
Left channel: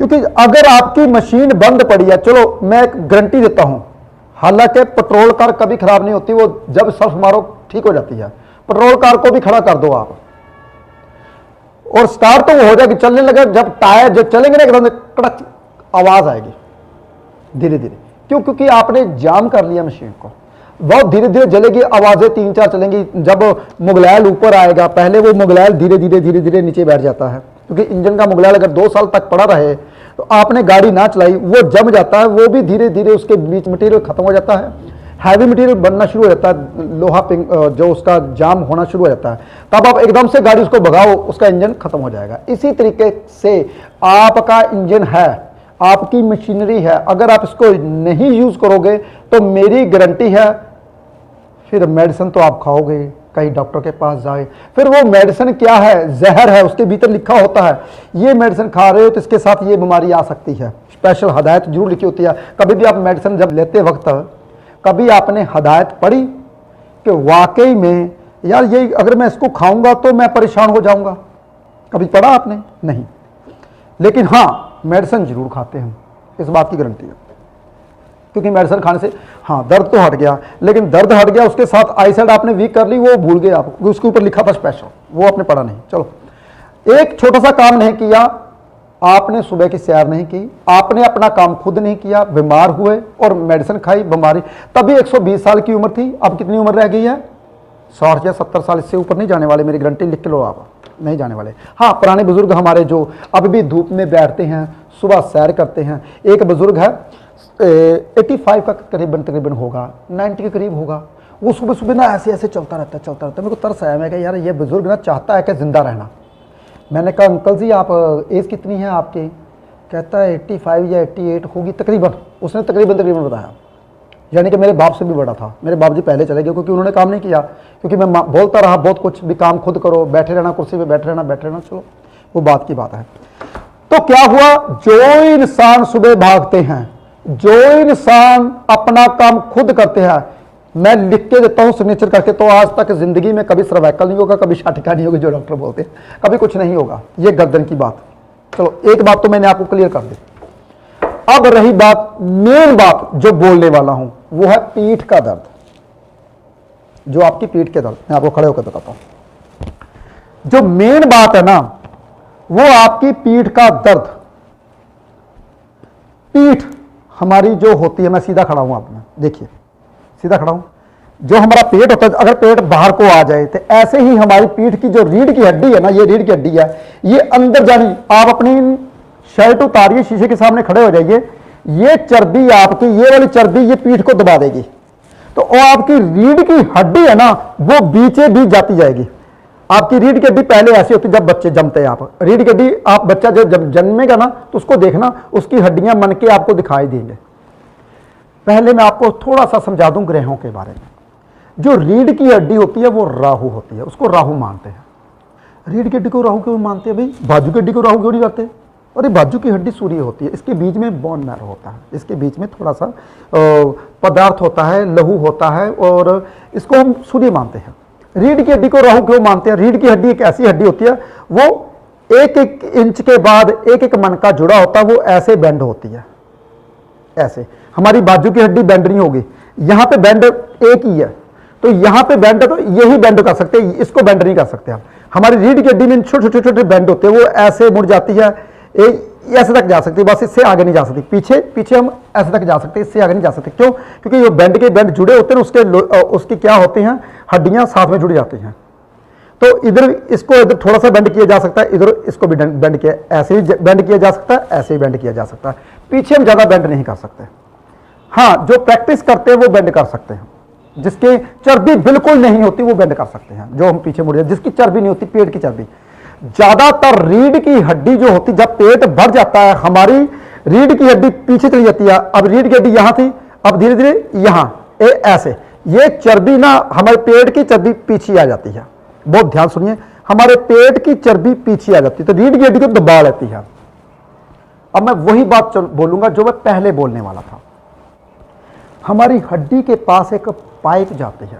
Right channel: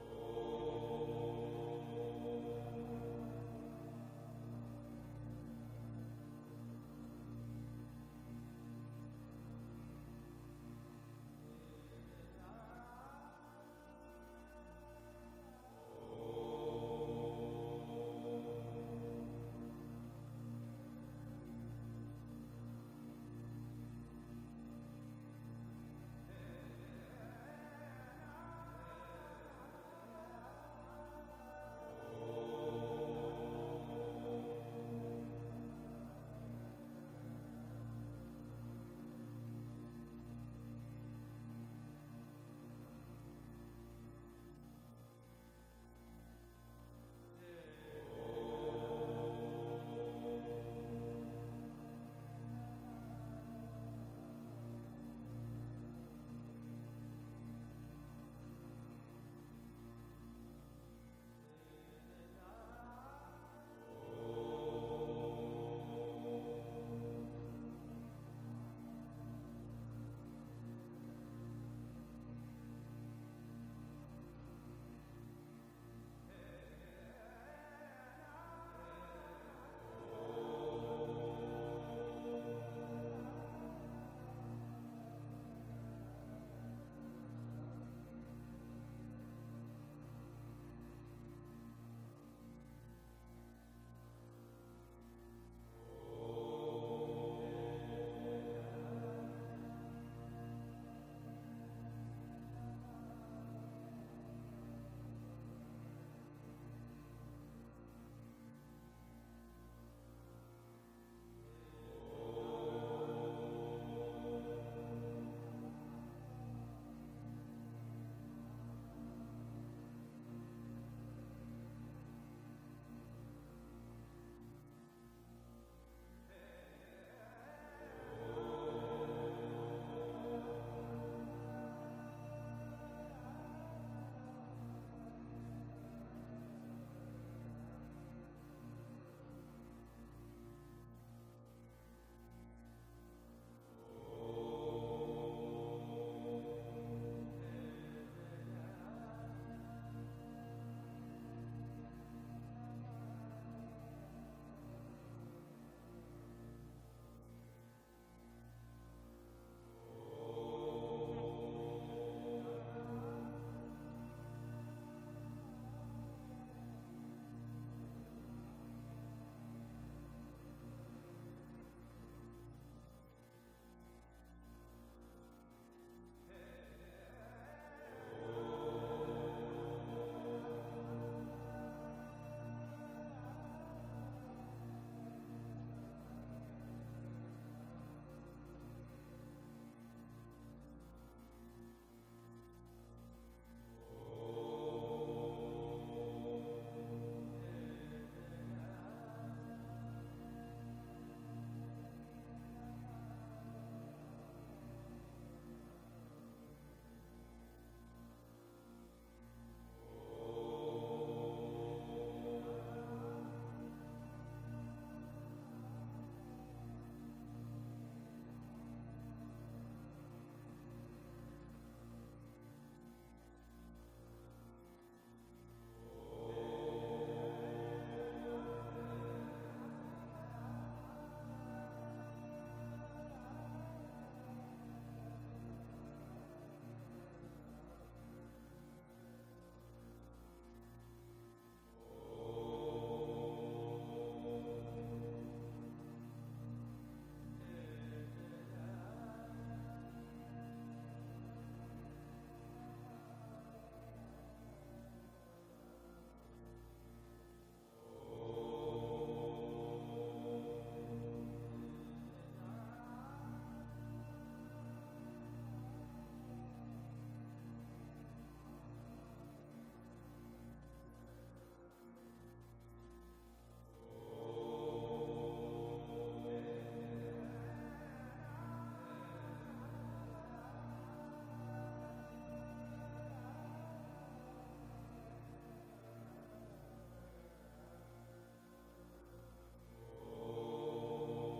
क्योंकि अगर आपकी मशीन बंद पड़ी है, चलो मैं एक गारंटी देता हूं, हालांकि पेट्रोल कार कभी खराब नहीं होती, वो जब सर्फ मारो ठीक हो जाती है। पेट्रोल कार को भी खड़ा कर दो आप, और स्टार्ट तो वो हो जाएगी, चलने लगे, जब टायर जब चलेंगे ना एकदम कड़क आवाज आएगी धीरे धीरे। क्यों? क्योंकि आपने जाम कर लिया मशीन को, बहुत धीरे धीरे जलेगी, आवाजें 3-4 चलेंगी। जब मुगलैल ऊपर आएगा, पहले वो मुगलैल धीरे धीरे नीचे बैठ जाता है, क्योंकि इंजन का मुगलैल अगर 2 साल तक पड़ा रहे तो आपने गाड़ी ना चलाई, वो जम जाता है, वो भी धीरे धीरे उसके बीच मटेरियल खत्म हो जाता है, हैवी मटेरियल बनना शुरू हो जाता है, लोहा पिंग जो उसका जाम होना शुरू हो जाता है। तब आप एकदम से गाड़ी उसको भगाओ, उसका इंजन खत्म हो जाएगा। इसी तरीके से आपका इंजन है, आपकी मशीनरी है, अगर आप इसको नहीं यूज करोगे तो मेरी गारंटी है फिर मेडिसिन तो आप खाओगे, कहीं डॉक्टर के पास जाए, फिर वो मेडिसिन क्या है, जहर है, उसके भीतर लिखा होता है ये मेडिसिन खा रहे हो तो इसके साथ ये बीमारी आ सकती है, स्पेशल हदायत जरूर लिखी होती है। कभी भी आप मेडिसिन जब लेते वक्त कभी आपने हदायत पढ़ी कि वाकई में यार ये अगर मैं इसको खाऊंगा तो मैं परेशान हो जाऊंगा? कभी पढ़ा आपने? नहीं। लेकिन हाँ, मेडिसिन जरूर खाते हैं, इस बात की गारंटी है, क्योंकि मेडिसिन खाने से हाँ दर्द तो हट गया, लेकिन दर्द हट गया उसके साथ आई साइड आपने वीक कर ली, वो भूल गए आप, उसके ऊपर लिखा था स्पेशल, वो आपने पढ़ा नहीं। चलो, एक छोटा सा काम नहीं किया आपने, सुबह की सैर नहीं की, आपने अपना काम खुद नहीं किया, बीमार हुए और मेडिसिन खाई, बीमारी, तभी 120 साल की उम्र थी, अब कितनी उम्र रह गई है? 60 या 70 साल, इससे ऊपर नहीं जाने वाले, मेरी गारंटी लिख के लो आप, नहीं जाने वाले। हाँ, पुराने बुजुर्ग हमारे जो अब भी धूप में बैठते हैं, सुबह सैर करते हैं, एक बुजुर्ग है 85 का तकरीबन होगा, 90 के करीब होगा, वो सुबह सुबह ना ऐसे ऐसे चलता रहता। मेरे को तरस आया, मैं कहा यार ये बुजुर्ग ना चाहता है कि जिंदा रहना। मैंने कहा अंकल जी आप एज कितनी है आपकी? कहता है 85 या 88 होगी तकरीबन, उसने तकरीबन बताया, यानी कि मेरे बाप से भी बड़ा था। मेरे बाप जी पहले चले गए क्योंकि उन्होंने काम नहीं किया, क्योंकि मैं बोलता रहा बहुत कुछ भी, काम खुद करो, बैठे रहना कुर्सी पे, बैठे रहना, चलो वो बात की बात है। तो क्या हुआ, जो इंसान सुबह भागते हैं, जो इंसान अपना काम खुद करते हैं, मैं लिख के देता हूं सिग्नेचर करके, तो आज तक जिंदगी में कभी सर्वाइकल नहीं होगा, कभी शाटिका नहीं होगी, जो डॉक्टर बोलते हैं, कभी कुछ नहीं होगा, ये गर्दन की बात। चलो, एक बात तो मैंने आपको क्लियर कर दी। अब रही बात, मेन बात जो बोलने वाला हूं, वो है पीठ का दर्द। जो आपकी पीठ के दर्द, मैं आपको खड़े होकर बताता हूं। जो मेन बात है ना, वो आपकी पीठ का दर्द। पीठ हमारी जो होती है, मैं सीधा खड़ा हूं, आप देखिए सीधा खड़ा हूं, जो हमारा पेट होता है, अगर पेट बाहर को आ जाए तो ऐसे ही हमारी पीठ की जो रीढ़ की हड्डी है ना, ये रीढ़ की हड्डी है, ये अंदर जानी, आप अपनी शर्ट उतारिए, शीशे के सामने खड़े हो जाइए, ये चर्बी आपकी, ये वाली चर्बी ये पीठ को दबा देगी, तो वो आपकी रीढ़ की हड्डी है ना, वो बीचे बीच जाती जाएगी। आपकी रीढ़ की हड्डी पहले ऐसी होती, जब बच्चे जमते हैं, आप रीढ़ की हड्डी, आप बच्चा जब जन्मेगा ना तो उसको देखना, उसकी हड्डियां मन के आपको दिखाई देंगे। पहले मैं आपको थोड़ा सा समझा दूं ग्रहों के बारे में। जो रीढ़ की हड्डी होती है वो राहु होती है, उसको राहु मानते हैं। रीढ़ की हड्डी को राहु क्यों मानते हैं भाई? बाजू की हड्डी को राहु क्यों नहीं मानते? अरे बाजू की हड्डी सूर्य होती है, इसके बीच में बोन मैरो होता है, इसके बीच में थोड़ा सा पदार्थ होता है, लहू होता है, और इसको हम सूर्य मानते हैं। रीढ़ की हड्डी को राहु क्यों मानते हैं? रीढ़ की हड्डी एक ऐसी हड्डी होती है, वो 1-1 इंच के बाद 1-1 मन का जुड़ा होता है, वो ऐसे बेंड होती है, ऐसे। हमारी बाजू की हड्डी बेंड नहीं होगी, यहाँ पे बेंड एक ही है, तो यहाँ पे बेंड है, तो यही बेंड कर सकते हैं, इसको बेंड नहीं कर सकते आप। हमारी रीढ़ की हड्डी में छोटे छोटे बेंड होते हैं, वो ऐसे मुड़ जाती है, ऐसे तक जा सकती है, बस इससे आगे नहीं जा सकती। पीछे हम ऐसे तक जा सकते हैं, इससे आगे नहीं जा सकते। क्यों? क्योंकि ये बेंड के बेंड जुड़े होते हैं, उसकी क्या होते हैं, हड्डियां साथ में जुड़ जाती हैं। तो इधर इसको इधर थोड़ा सा बेंड किया जा सकता है, इधर इसको भी बेंड किया, ऐसे ही बेंड किया जा सकता है, ऐसे ही बेंड किया जा सकता है। पीछे हम ज्यादा बेंड नहीं कर सकते। हाँ, जो प्रैक्टिस करते हैं वो बेंड कर सकते हैं, जिसकी चर्बी बिल्कुल नहीं होती वो बेंड कर सकते हैं, जो हम पीछे मुड़ जाए, जिसकी चर्बी नहीं होती, पेट की चर्बी। ज्यादातर रीढ़ की हड्डी जो होती, जब पेट भर जाता है, हमारी रीढ़ की हड्डी पीछे चली जाती है। अब रीढ़ की हड्डी यहां थी, अब धीरे धीरे यहां ऐसे, ये चर्बी ना हमारे पेट की चर्बी पीछे आ जाती है, बहुत ध्यान सुनिए, हमारे पेट की चर्बी पीछे आ जाती है तो रीढ़ की हड्डी को दबा लेती है। अब मैं वही बात बोलूंगा जो मैं पहले बोलने वाला था। हमारी हड्डी के पास एक पाइप जाती है,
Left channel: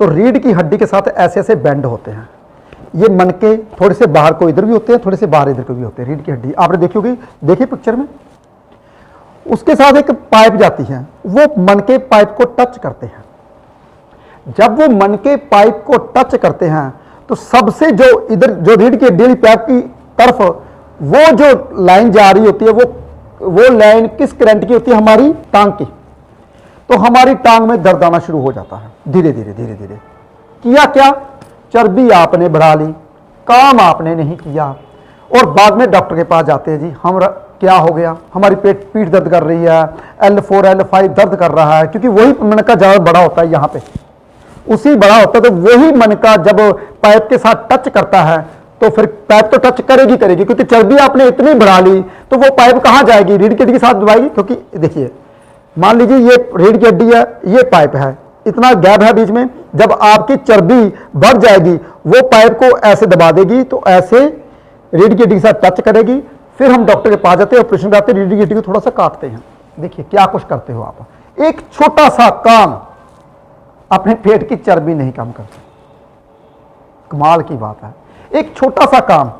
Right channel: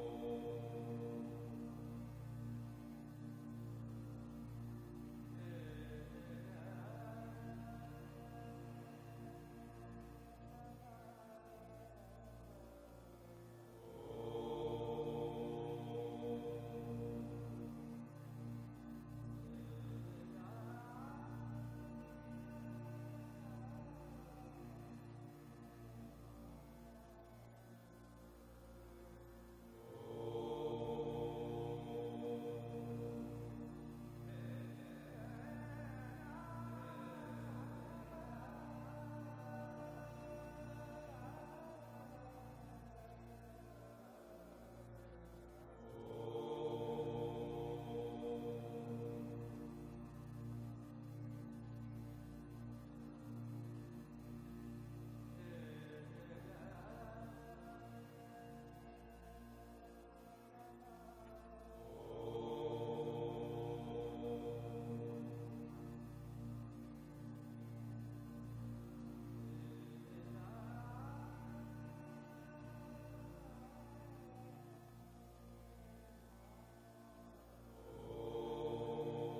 तो रीढ़ की हड्डी के साथ ऐसे ऐसे बैंड होते हैं, ये मनके थोड़े से बाहर को इधर भी होते हैं, थोड़े से बाहर इधर को भी होते हैं। रीढ़ की हड्डी आपने देखी होगी, देखिए पिक्चर में, उसके साथ एक पाइप जाती है, वो मनके पाइप को टच करते हैं। जब वो मनके पाइप को टच करते हैं तो सबसे जो इधर जो रीढ़ की हड्डी पाइप की तरफ वो जो लाइन जा रही होती है, वो लाइन किस करंट की होती है? हमारी टांग की। तो हमारी टांग में दर्द आना शुरू हो जाता है धीरे धीरे धीरे धीरे। किया क्या? चर्बी आपने बढ़ा ली, काम आपने नहीं किया, और बाद में डॉक्टर के पास जाते हैं, जी हम क्या हो गया, हमारी पीठ दर्द कर रही है, L4 L5 दर्द कर रहा है, क्योंकि वही मनका ज्यादा बड़ा होता है, यहाँ पे उसी बड़ा होता है, तो वही मनका जब पाइप के साथ टच करता है तो फिर पाइप तो टच करेगी करेगी, क्योंकि चर्बी आपने इतनी बढ़ा ली तो वो पाइप कहाँ जाएगी? रीढ़ की हड्डी के साथ दबाएगी। क्योंकि देखिए, मान लीजिए ये रीढ़ की हड्डी है, ये पाइप है, इतना गैप है बीच में, जब आपकी चर्बी बढ़ जाएगी वो पाइप को ऐसे दबा देगी, तो ऐसे रीढ़ की हड्डी के साथ टच करेगी। फिर हम डॉक्टर के पास जाते हैं, ऑपरेशन कराते हैं, रीढ़ की हड्डी को थोड़ा सा काटते हैं। देखिए क्या कुछ करते हो आप, एक छोटा सा काम अपने पेट की चर्बी नहीं कम करते। कमाल की बात है, एक छोटा सा काम,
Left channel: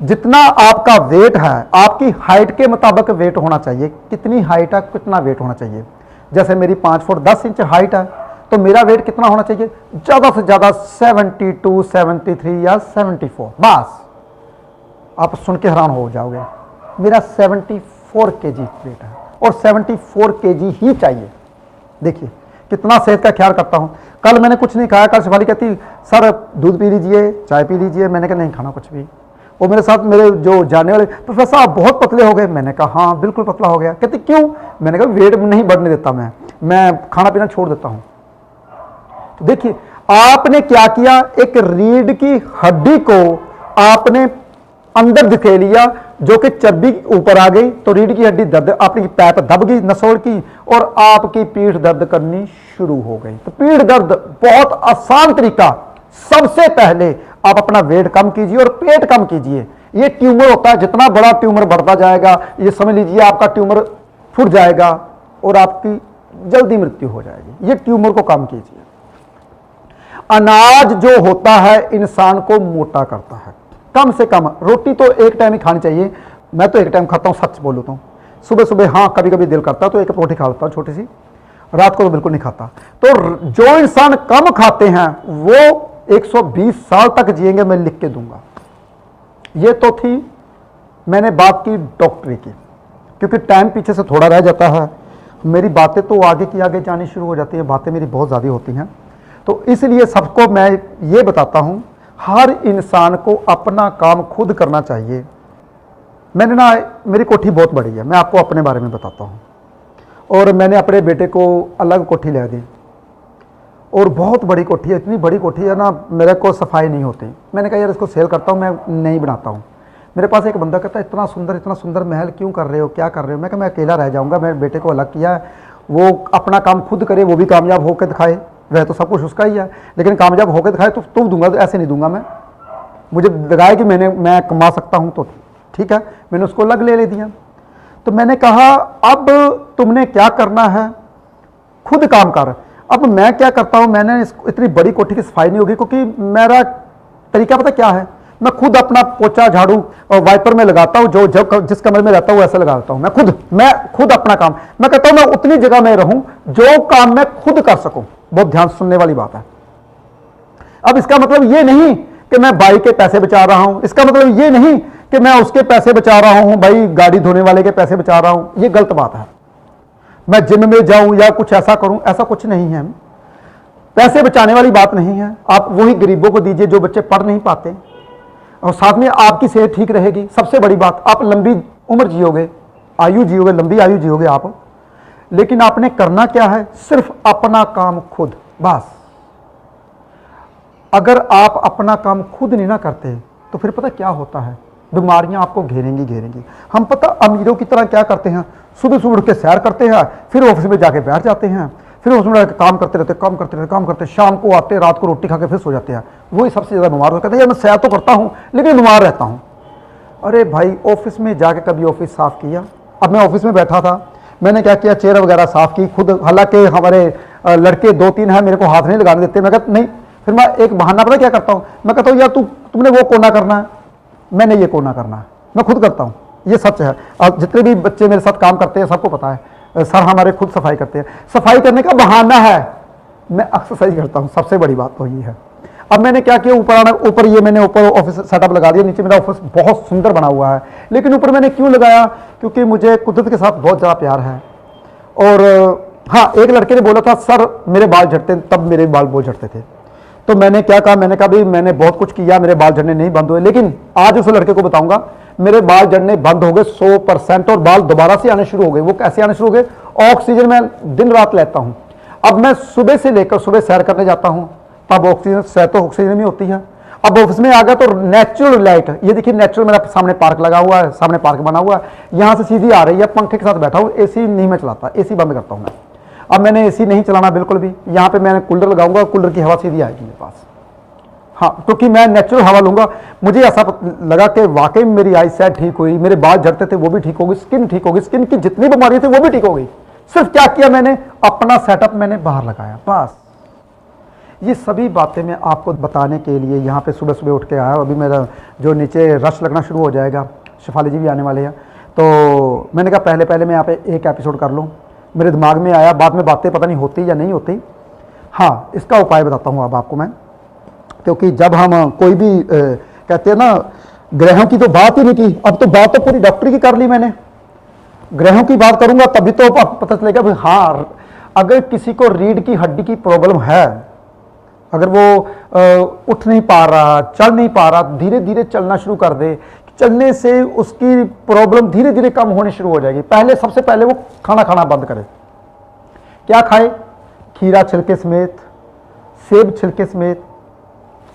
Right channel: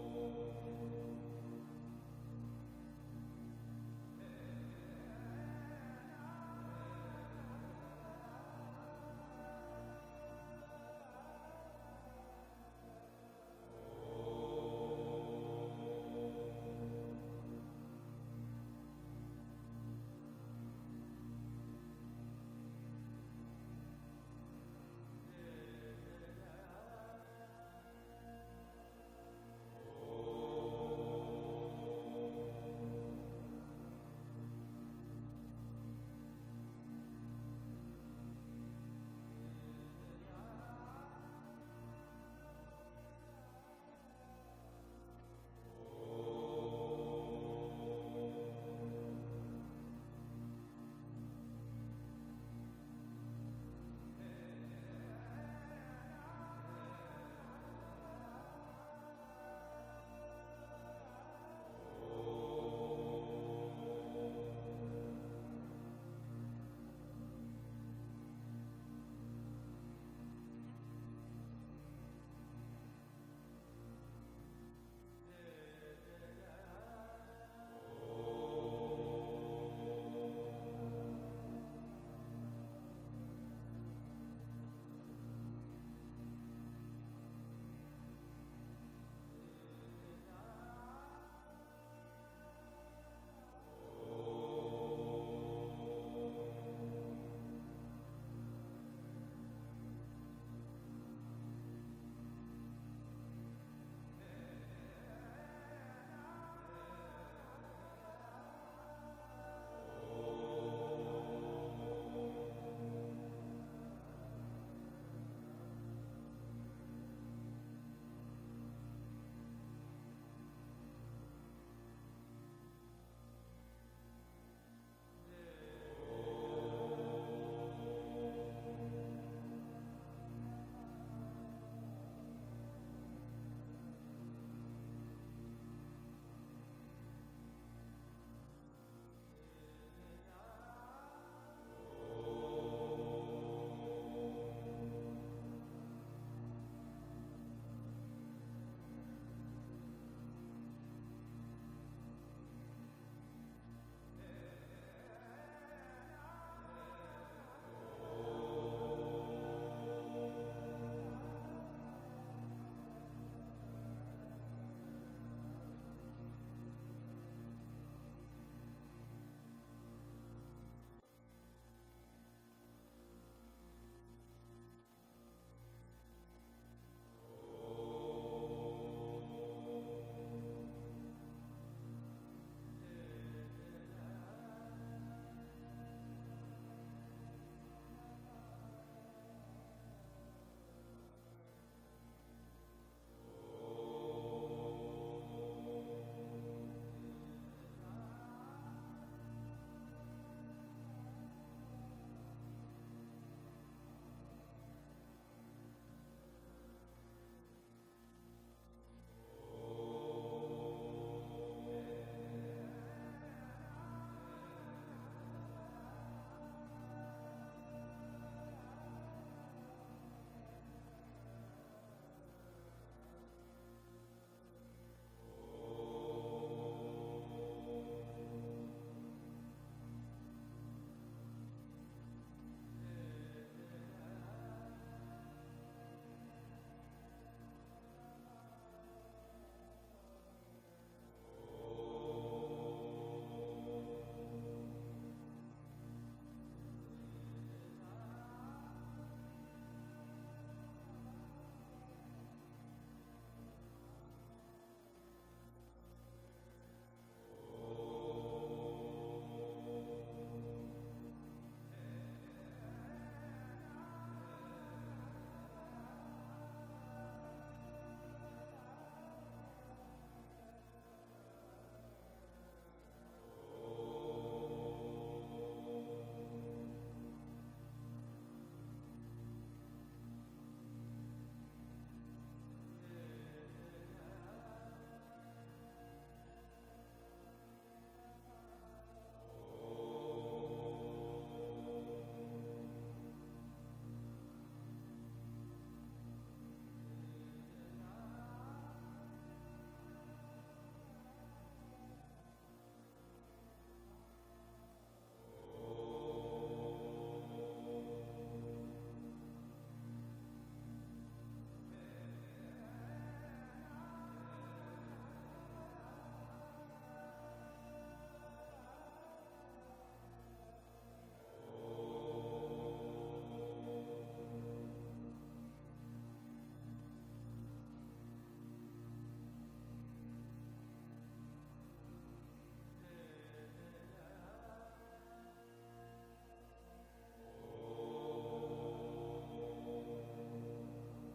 जितना आपका वेट है, आपकी हाइट के मुताबिक वेट होना चाहिए। कितनी हाइट है, कितना वेट होना चाहिए? जैसे मेरी 5 फुट 10 इंच हाइट है, तो मेरा वेट कितना होना चाहिए? ज्यादा से ज्यादा 72, 73 या 74। बस आप सुन के हैरान हो जाओगे, मेरा 74 kg वेट है, और 74 kg ही चाहिए। देखिए कितना सेहत का ख्याल करता हूं। कल मैंने कुछ नहीं खाया, कल शिवाली कहती सर दूध पी लीजिए, चाय पी लीजिए, मैंने कहा नहीं खाना कुछ भी। वो मेरे साथ मेरे जो जाने वाले, प्रोफेसर आप बहुत पतले हो गए, मैंने कहा हाँ बिल्कुल पतला हो गया। कहती क्यों? मैंने कहा वेट नहीं बढ़ने देता, मैं खाना पीना छोड़ देता हूं। तो देखिए आपने क्या किया, एक रीढ़ की हड्डी को आपने अंदर धकेल लिया, जो कि चर्बी ऊपर आ गई, तो रीढ़ की हड्डी दर्द, आपकी पैप दब गई नसोड़ की, और आपकी पीठ दर्द करनी शुरू हो गई। तो पीठ दर्द बहुत आसान तरीका, सबसे पहले आप अपना वेट कम कीजिए और पेट कम कीजिए। ये ट्यूमर होता है, जितना बड़ा ट्यूमर बढ़ता जाएगा, ये समझ लीजिए आपका ट्यूमर फूट जाएगा और आपकी जल्दी मृत्यु हो जाएगी। ये ट्यूमर को कम कीजिए। अनाज जो होता है इंसान को मोटा करता है। कम से कम रोटी तो एक टाइम ही खानी चाहिए। मैं तो एक टाइम खाता हूँ, सच बोलूँ तो सुबह सुबह हाँ कभी कभी दिल करता है तो एक रोटी खा लेता हूँ छोटी सी, रात को तो बिल्कुल नहीं खाता। तो जो इंसान कम खाते हैं वो 120 साल तक जिएंगे, मैं लिख के दूंगा। ये तो थी मैंने बात की डॉक्टरी की, क्योंकि टाइम पीछे से थोड़ा रह जाता है, मेरी बातें तो आगे की आगे जानी शुरू हो जाती हैं, बातें मेरी बहुत ज़्यादा होती हैं। तो इसलिए सबको मैं ये बताता हूँ, हर इंसान को अपना काम खुद करना चाहिए। मैंने ना, मेरी कोठी बहुत बड़ी है, मैं आपको अपने बारे में बताता हूँ, और मैंने अपने बेटे को अलग कोठी ले दी, और बहुत बड़ी कोठी है, इतनी बड़ी कोठी है ना, मेरे को सफाई नहीं होती। मैंने कहा यार इसको सेल करता हूँ, मैं नहीं बनाता हूँ। मेरे पास एक बंदा कहता है इतना सुंदर महल क्यों कर रहे हो, क्या कर रहे हो? मैं कहा मैं अकेला रह जाऊँगा, मेरे बेटे को अलग किया है, वो अपना काम खुद करे, वो भी कामयाब होकर दिखाए। वह तो सब कुछ उसका ही है, लेकिन कामयाब होकर दिखाए तो तुम दूंगा, तो ऐसे नहीं दूंगा मैं। मुझे दिखाए कि मैं कमा सकता हूँ तो ठीक है, मैंने उसको अलग ले दिया। तो मैंने कहा अब तुमने क्या करना है, खुद काम कर। अब मैं क्या करता हूं, मैंने इतनी बड़ी कोठी की सफाई नहीं होगी, क्योंकि मेरा तरीका पता क्या है, मैं खुद अपना पोछा झाड़ू और वाइपर में लगाता हूं, जो जिस कमरे में रहता हूं वैसे लगाता हूं। मैं खुद अपना काम, मैं कहता हूं मैं उतनी जगह में रहूं जो काम मैं खुद कर सकूं। बहुत ध्यान सुनने वाली बात है। अब इसका मतलब ये नहीं कि मैं बाई के पैसे बचा रहा हूं, इसका मतलब ये नहीं कि मैं उसके पैसे बचा रहा हूं, भाई गाड़ी धोने वाले के पैसे बचा रहा हूं, ये गलत बात है। मैं जिम में जाऊं या कुछ ऐसा करूं, ऐसा कुछ नहीं है। पैसे बचाने वाली बात नहीं है। आप वही गरीबों को दीजिए जो बच्चे पढ़ नहीं पाते, और साथ में आपकी सेहत ठीक रहेगी। सबसे बड़ी बात, आप लंबी उम्र जियोगे, आयु जियोगे, लंबी आयु जियोगे आप। लेकिन आपने करना क्या है, सिर्फ अपना काम खुद, बस। अगर आप अपना काम खुद नहीं ना करते तो फिर पता क्या होता है, बीमारियां आपको घेरेंगी। हम पता अमीरों की तरह क्या करते हैं, सुबह सुबह उठ के सैर करते हैं, फिर ऑफिस में जाके बैठ जाते हैं, फिर उसमें काम करते शाम को आते, रात को रोटी खा के फिर सो जाते हैं। वही सबसे ज़्यादा बीमार हो, कहते हैं यार मैं सैर तो करता हूँ लेकिन बीमार रहता हूँ। अरे भाई, ऑफिस में जाके कभी ऑफिस साफ़ किया? अब मैं ऑफिस में बैठा था, मैंने क्या किया, चेयर वगैरह साफ़ की खुद, हालांकि हमारे लड़के 2-3 हैं, मेरे को हाथ नहीं लगाने देते। मैं कहता नहीं, फिर मैं एक बहाना पता क्या करता हूँ, मैं कहता हूँ यार तुमने वो कोना करना है, मैंने ये कोना करना है, मैं खुद करता हूँ। ये सच है। अब जितने भी बच्चे मेरे साथ काम करते हैं सबको पता है, सर हमारे खुद सफाई करते हैं। सफाई करने का बहाना है, मैं एक्सरसाइज करता हूँ, सबसे बड़ी बात तो ये है। अब मैंने क्या किया, ऊपर ये मैंने ऊपर ऑफिस सेटअप लगा दिया, नीचे मेरा ऑफिस बहुत सुंदर बना हुआ है। लेकिन ऊपर मैंने क्यों लगाया, क्योंकि मुझे कुदरत के साथ बहुत ज़्यादा प्यार है। और हाँ, एक लड़के ने बोला था सर मेरे बाल झड़ते, तब मेरे बाल बहुत झड़ते थे। तो मैंने क्या कहा, मैंने कहा भाई मैंने बहुत कुछ किया, मेरे बाल झड़ने नहीं बंद हुए, लेकिन आज उस लड़के को बताऊंगा मेरे बाल झड़ने बंद हो गए 100%, और बाल दोबारा से आने शुरू हो गए। वो कैसे आने शुरू हो गए, ऑक्सीजन मैं दिन रात लेता हूं। अब मैं सुबह से लेकर सुबह सैर करने जाता हूं, तब ऑक्सीजन, सैर तो ऑक्सीजन में होती है। अब ऑफिस में आ गया तो नेचुरल लाइट, ये देखिए नेचुरल, मेरा सामने पार्क लगा हुआ है, सामने पार्क बना हुआ है, यहां से सीधी आ रही है, पंखे के साथ बैठा हूं, एसी नहीं मैं चलाता, एसी बंद करता हूं मैं। अब मैंने एसी नहीं चलाना बिल्कुल भी, यहां पे मैंने कूलर लगाऊंगा, कूलर की हवा सीधी आएगी मेरे पास। हाँ, क्योंकि मैं नेचुरल हवा लूंगा। मुझे ऐसा लगा कि वाकई मेरी आई साइट ठीक हुई, मेरे बाल झड़ते थे वो भी ठीक हो गई, स्किन ठीक हो गई, स्किन की जितनी बीमारी थी वो भी ठीक हो गई। सिर्फ क्या किया मैंने, अपना सेटअप मैंने बाहर लगाया, बस। ये सभी बातें मैं आपको बताने के लिए यहाँ पे सुबह सुबह उठ के आया। अभी मेरा जो नीचे रश लगना शुरू हो जाएगा, शिफाली जी भी आने वाले हैं, तो मैंने कहा पहले मैं यहाँ पे एक एपिसोड कर लूँ। मेरे दिमाग में आया, बाद में बातें पता नहीं होती या नहीं होती। हाँ, इसका उपाय बताता हूँ अब आपको मैं, क्योंकि जब हम कोई भी कहते हैं ना, ग्रहों की तो बात ही नहीं की, अब तो बात तो पूरी डॉक्टरी की कर ली मैंने। ग्रहों की बात करूंगा तभी तो पता चलेगा भाई। हाँ, अगर किसी को रीढ़ की हड्डी की प्रॉब्लम है, अगर वो उठ नहीं पा रहा, चल नहीं पा रहा, धीरे धीरे चलना शुरू कर दे, चलने से उसकी प्रॉब्लम धीरे धीरे कम होनी शुरू हो जाएगी। सबसे पहले वो खाना बंद करे। क्या खाए, खीरा छिलके समेत, सेब छिलके समेत,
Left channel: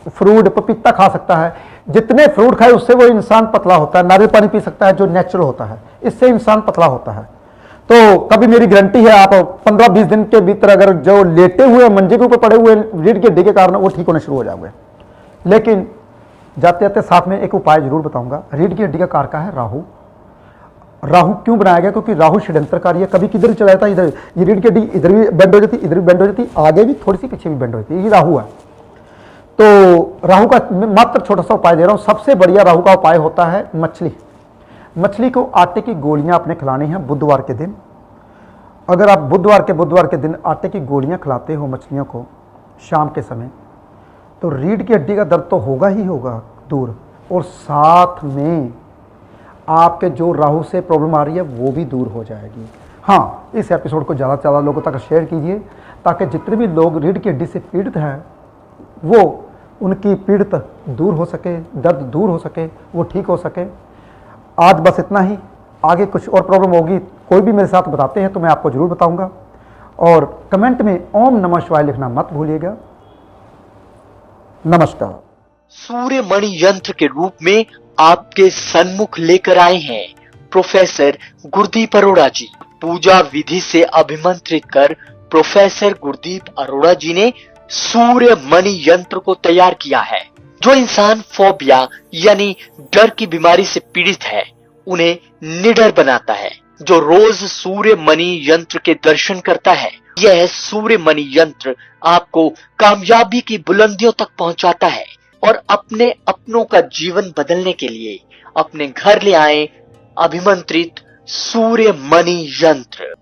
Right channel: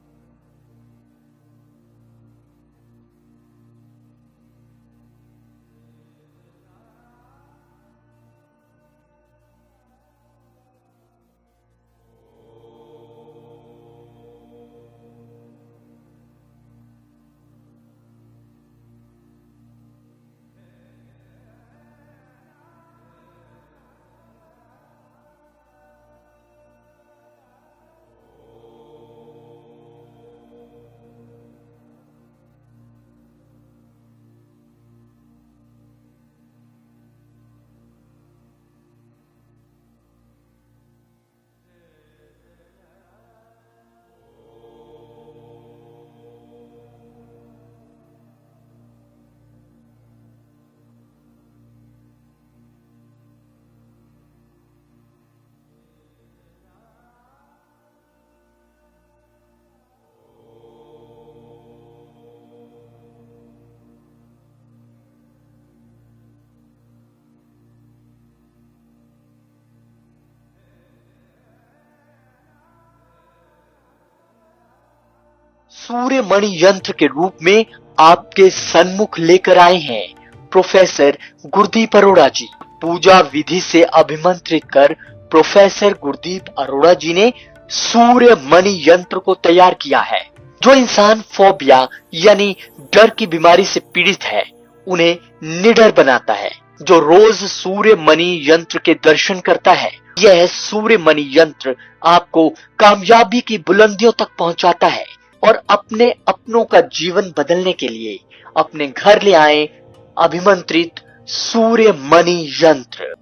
फ्रूट, पपीता खा सकता है। जितने फ्रूट खाए उससे वो इंसान पतला होता है। नारियल पानी पी सकता है जो नेचुरल होता है, इससे इंसान पतला होता है। तो कभी मेरी गारंटी है, आप 15-20 दिन के भीतर अगर जो लेटे हुए मंजे के ऊपर पड़े हुए रीढ़ की हड्डी के कारण, वो ठीक होने शुरू हो जाओगे। लेकिन जाते जाते साथ में एक उपाय जरूर बताऊंगा। रीढ़ की हड्डी का कारक है राहु। राहु क्यों बनाया गया, क्योंकि राहु षड्यंत्रकारी है। कभी किधर चला जाता है, इधर, ये रीढ़ की हड्डी इधर भी बेंड हो जाती, इधर भी बेंड हो जाती, आगे भी थोड़ी सी पीछे भी बेंड हो जाती है, ये राहु है। तो राहु का मात्र छोटा सा उपाय दे रहा हूं। सबसे बढ़िया राहु का उपाय होता है मछली को आटे की गोलियां आपने खिलानी है बुधवार के दिन। अगर आप बुधवार के दिन आटे की गोलियां खिलाते हो मछलियों को शाम के समय, तो रीढ़ की हड्डी का दर्द तो होगा ही होगा दूर, और साथ में आपके जो राहु से प्रॉब्लम आ रही है वो भी दूर हो जाएगी। हाँ, इस एपिसोड को ज़्यादा से ज़्यादा लोगों तक शेयर कीजिए, ताकि जितने भी लोग रीढ़ की हड्डी से पीड़ित हैं वो उनकी पीड़ित दूर हो सके, दर्द दूर हो सके, वो ठीक हो सके। आज बस इतना ही। आगे कुछ और प्रॉब्लम होगी, कोई भी मेरे साथ बताते हैं तो मैं आपको जरूर बताऊंगा। और कमेंट में ओम नमः शिवाय लिखना मत भूलिएगा। नमस्कार। सूर्य मणि यंत्र के रूप में आपके सन्मुख लेकर आए हैं प्रोफेसर गुरदीप अरोड़ा जी। पूजा विधि से अभिमंत्रित कर प्रोफेसर गुरदीप अरोड़ा जी ने सूर्य मणि यंत्र को तैयार किया है। जो इंसान फोबिया यानी डर की बीमारी से पीड़ित है, उन्हें निडर बनाता है। जो रोज सूर्य मणि यंत्र के दर्शन करता है, यह सूर्य मणि यंत्र आपको कामयाबी की बुलंदियों तक पहुंचाता है। और अपने अपनों का जीवन बदलने के लिए अपने घर ले आए अभिमंत्रित सूर्य मणि यंत्र।